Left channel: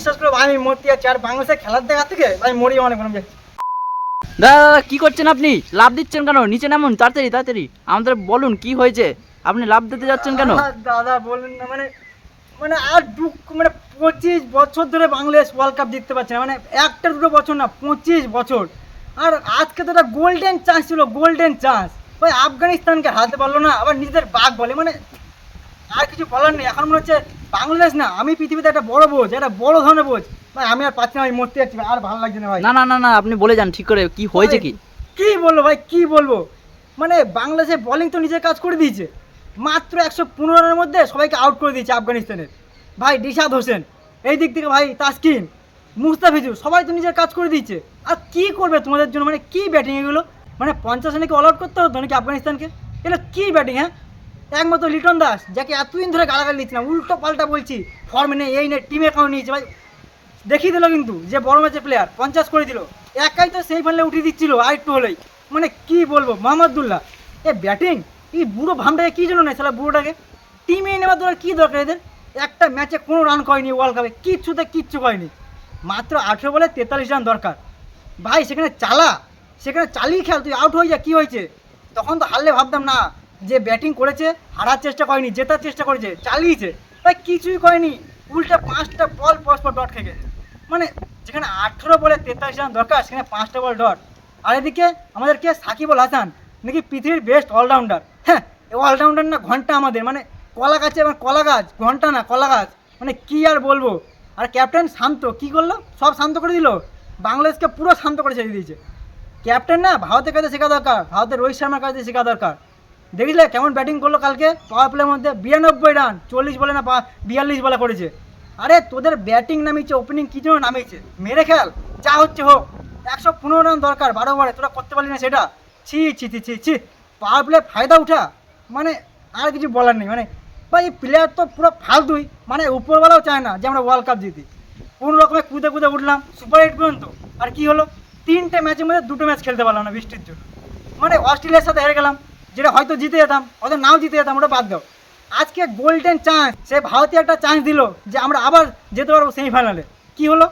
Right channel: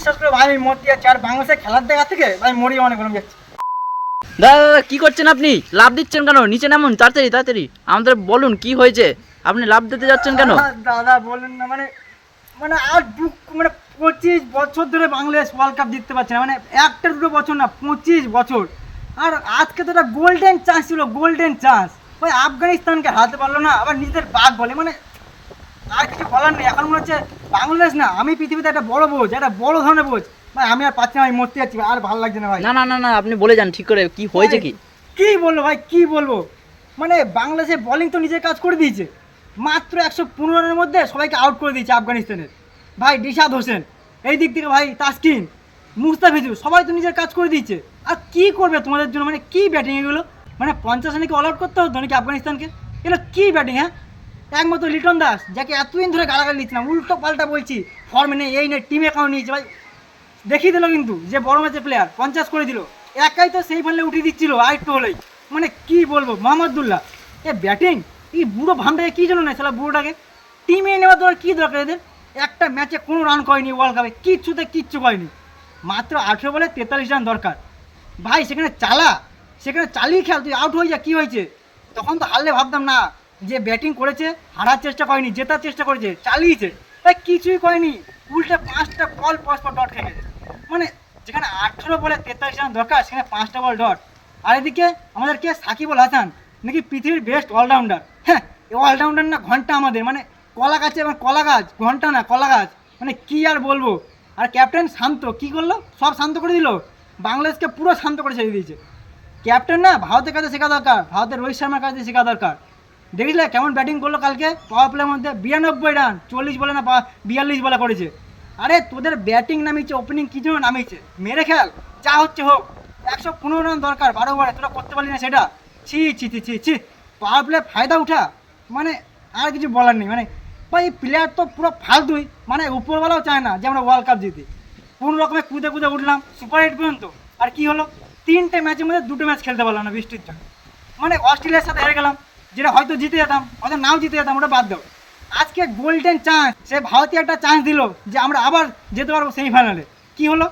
বিশ্বাস করো ভাই, আমি মরতে যাচ্ছি। আর বাংলাদেশে খেলার দেখা থেকে ভাই মরি অনেক মনে যাচ্ছি। দাদা কি করছেন আপনি? লাভ দিচ্ছেন কেন? নিচে নামুন তাড়াতাড়ি তাড়াতাড়ি, আমাদের বলুন কি হয়েছে, আপনি লাভ দিতে যাচ্ছেন কেন? দাদা বলেন না, মানে মানে আর দুঃখ, মানে 25 বছর ধরে বাংলাদেশ ওয়ার্ল্ড কাপ জিততে পারছে না, মানে একটা দুটো বছর না, 25 বছর। আর আজকে তো একটা গোল্ডেন চান্স ছিল, গোল্ডেন চান্স। ভাই আফগানিস্তানকে হারাতে পারলো না, আবার নিজেদের বাঘ বলে, মানে আর কিছু বলার নেই। এখন মনে হচ্ছে বাংলাদেশ না, আমি পৃথিবীতে একটা বড় বোঝ, একটা বড় ধরনের বোঝ। ভাই আমি আর পাচ্ছি না, আমি মরতে যাচ্ছি, আর ভালো লাগছে না ভাই। না না না না, আপনি বলে যান ঠিক করে কি হয়েছে কি? কি বলবো ভাই, কি বলবো, মানে বাংলাদেশের বোলিং তো নিজের কাজ করে দিয়েছে। মাত্র 115 রানের মধ্যে সবাইকে আউট করে দিয়েছে আফগানিস্তানের। ভাই রিশাদ হোসেন, এই দিক থেকে ভাই তাসকিন, মুস্তাফিজুর, সবাই তো নিজের কাজ করে দিয়েছে। আর কি করবে তোমাদের জন্য, মানে কি ব্যাটিং এগুলো, মানে 50 রানে কি অল আউট করতে হতো নাকি আফগানিস্তানকে? এগুলো কি ব্যাটিং? হ্যাঁ, একমাত্র লিটন দাস, যাকে এতদিন ধরে গালাগালি দিচ্ছিলাম, উল্টো পাল্টা বলছি, ফর্মে নেই, এই নেই, টিমে কারণ নিয়েছে ভাই, দেখিয়ে দিল কিন্তু যে বড় ম্যাচের প্লেয়ার, 50 করে দিল। একাই তো সেই ফাইনালে উঠিয়ে দিচ্ছিল আর একটু হলেই। মানে কি বলবো, মোহাম্মদুল্লাহ এ ব্যাটিং, এই বুড়ো ভান্ডারে কী জন্য নেই সালা বুড়োটাকে টিমে নেওয়ার দরকার, কী দরকার এদের? একটা ম্যাচে কোনো রান করেনি ওয়ার্ল্ড কাপে, কিচ্ছু করেনি। মাত্র 18 বলে 43 রান দরকার। ভাই সেখানে চালিয়ে খেল, তুই আউট হয়ে যা, কী হয়েছে? তখন তো হারলে ভাবতাম না, যে ব্যাটিং করেছে, হারার চেষ্টা করেনি, জেতার চেষ্টা করেছে, চালিয়েছে, তাই কিছুই করেনি। উল্টে 5টা বল পরস্পর ডট খেয়ে গেছে। মানে যেখানে 18 বলে 43 রান দরকার, সেখানে 5টা বল ডট। আর এদিকে আমাদের কে, সাকিব আল হাসান, নাকি পৃথিবীর বেস্ট অলরাউন্ডার। হ্যাঁ, অলরাউন্ডার না ঘন্টা আমাদের, মানে কলা গাছে, এবং কলা গাছ, ঘন্টা না কলা গাছ, মানে কি আর বলবো। আর ক্যাপ্টেন শান্ত কি করলো, সব শান্ত করে দিল, বাংলাদেশকে পুরো শান্ত করে ছেড়ে দিয়েছে। ক্যাপ্টেন না ভারতের কাছে শেখা দরকার, ভারতের রোহিত শর্মার কাছে শেখা দরকার। দেখলে কেমন ব্যাটিং করলো কালকে, পাওয়ার প্লের মধ্যে 92 রান, 40 বলে না 42 বলে করেছে। আরে তোদের ব্যাটিং নামিয়েছে, ওপেনিং কী জন্য নামিয়েছে, মেরে খেল, যা হচ্ছে হোক। 115 রান দরকার 12 ওভারে, তোরা করতে পারলি না সেটা। ছি ছি ছি ছি ছি, পাওয়ার প্লে ফায়দা উঠা, মানে আর কিছু বলার নেই। মানে ভাই এই প্লেয়ার তো পুরো ফালতুই, মানে উপরওয়ালাও চায় না যে আমরা ওয়ার্ল্ড কাপ জিতি। কোনো রকমে কুদে কুদে উঠলাম সুপার 8 পর্যন্ত, আর কি হলো, 3টে ম্যাচের মধ্যে 2টো ম্যাচ খেলতে পারলাম না বৃষ্টির জন্য। মানে অস্ট্রেলিয়ার সাথে হেরে গেলাম, যেটা হয়তো জিতে যেতাম, হয়তো নাও জিতে যেতাম, ওটা বাদ দাও। আজকে গোল্ডেন চান্স, সে ভারতীয় একটা চান্স দিল যে আমরা আবার যেতে পারবো সেমিফাইনালে। কি হলো,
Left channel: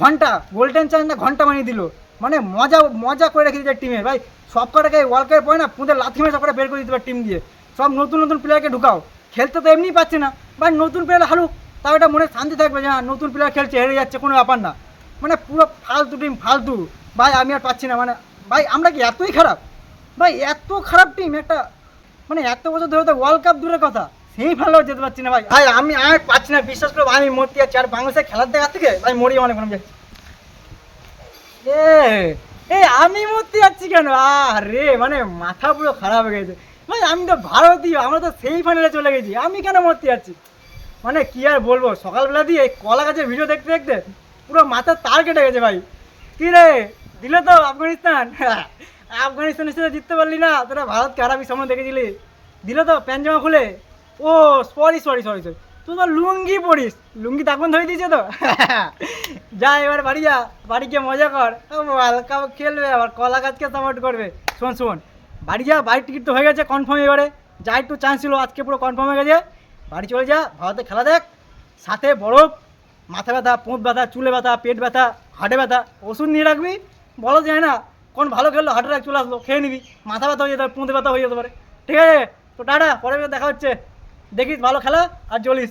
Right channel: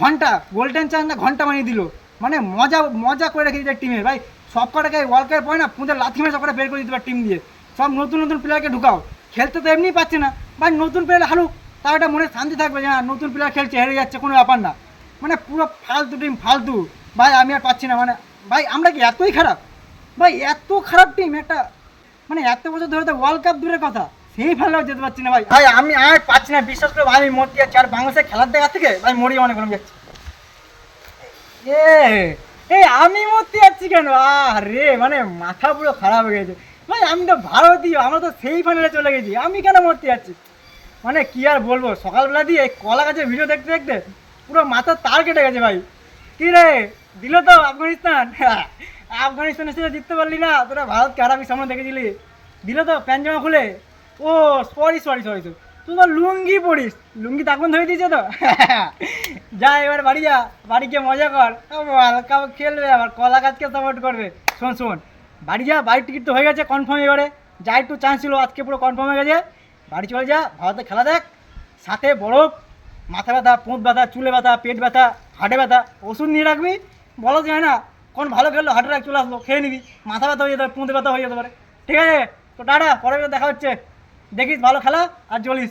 ঘন্টা, গোল্ডেন চান্স না ঘন্টা বানিয়ে দিল। মানে মজা মজা করে রেখে দিচ্ছে টিমে। ভাই সব কটাকে ওয়ার্ল্ড কাপে পড়ে না, পুঁদের লাথি মেরে সব কটা বের করে দিতে পারে টিম দিয়ে। সব নতুন নতুন প্লেয়ারকে ঢুকাও, খেলতে তো এমনিই পাচ্ছে না। ভাই নতুন প্লেয়ার হারুক, তাও এটা মনে শান্তি থাকবে যে হ্যাঁ নতুন প্লেয়ার খেলছে, হেরে যাচ্ছে, কোনো ব্যাপার না। মানে পুরো ফালতু টিম, ফালতু। ভাই আমি আর পাচ্ছি না, মানে ভাই আমরা কি এতই খারাপ? ভাই এত খারাপ টিম একটা, মানে এত বছর ধরে তো ওয়ার্ল্ড কাপ দূরের কথা, সেই ভালো যেতে পারছি না ভাই। ভাই আমি আর পাচ্ছি না, বিশ্বাস করো ভাই, আমি মরতে যাচ্ছি। আর বাংলাদেশের খেলার দেখা থেকে ভাই মরি অনেক মনে যাচ্ছি। এই আমি মরতে যাচ্ছি কেন? আরে মানে মাথা পুরো খারাপ হয়ে গেছে। ভাই আমি তো ভারতীয়, আমরা তো সেই ফাইনালে চলে গেছি, আমি কেন মরতে যাচ্ছি? মানে কি আর বলবো, সকালবেলা দিয়ে এই কলা গাছের ভিডিও দেখতে দেখতে পুরো মাথার তার কেটে গেছে ভাই। কি রে, দিল তো আফগানিস্তান? আফগানিস্তানের সাথে জিততে পারলি না, তোরা ভারতকে হারাবি সামনে দেখেছিলি, দিল তো প্যান্ট জামা খুলে। ও সরি সরি সরি সরি, তুই তো লুঙ্গি পড়িস, লুঙ্গি তখন ধরে দিয়েছে তো। যা এবার বাড়ি যা, বাড়ি গিয়ে মজা কর, ওয়ার্ল্ড কাপ খেলবে, আবার কলা গাছকে সাপোর্ট করবে। শোন শোন, বাড়ি যা, বাড়ির টিকিট তো হয়ে গেছে কনফার্ম, এবারে যা একটু চান্স ছিল, আজকে পুরো কনফার্ম হয়ে গেছে। বাড়ি চলে যা, ভারতে খেলা দেখ, সাথে বরফ, মাথা ব্যথা, পোঁত ব্যথা, চুলে ব্যথা, পেট ব্যথা, হাটে ব্যথা, ওষুধ নিয়ে রাখবি। বলা যায় না কোন ভালো খেললো, হাটে রাখ চলে আসলো, খেয়ে নিবি, মাথা ব্যথা হয়ে যেতে পারে, পোঁতে ব্যথা হয়ে যেতে পারে। ঠিক আছে, তো টাটা, পরে দেখা হচ্ছে, দেখিস ভালো খেলা আর চলিস।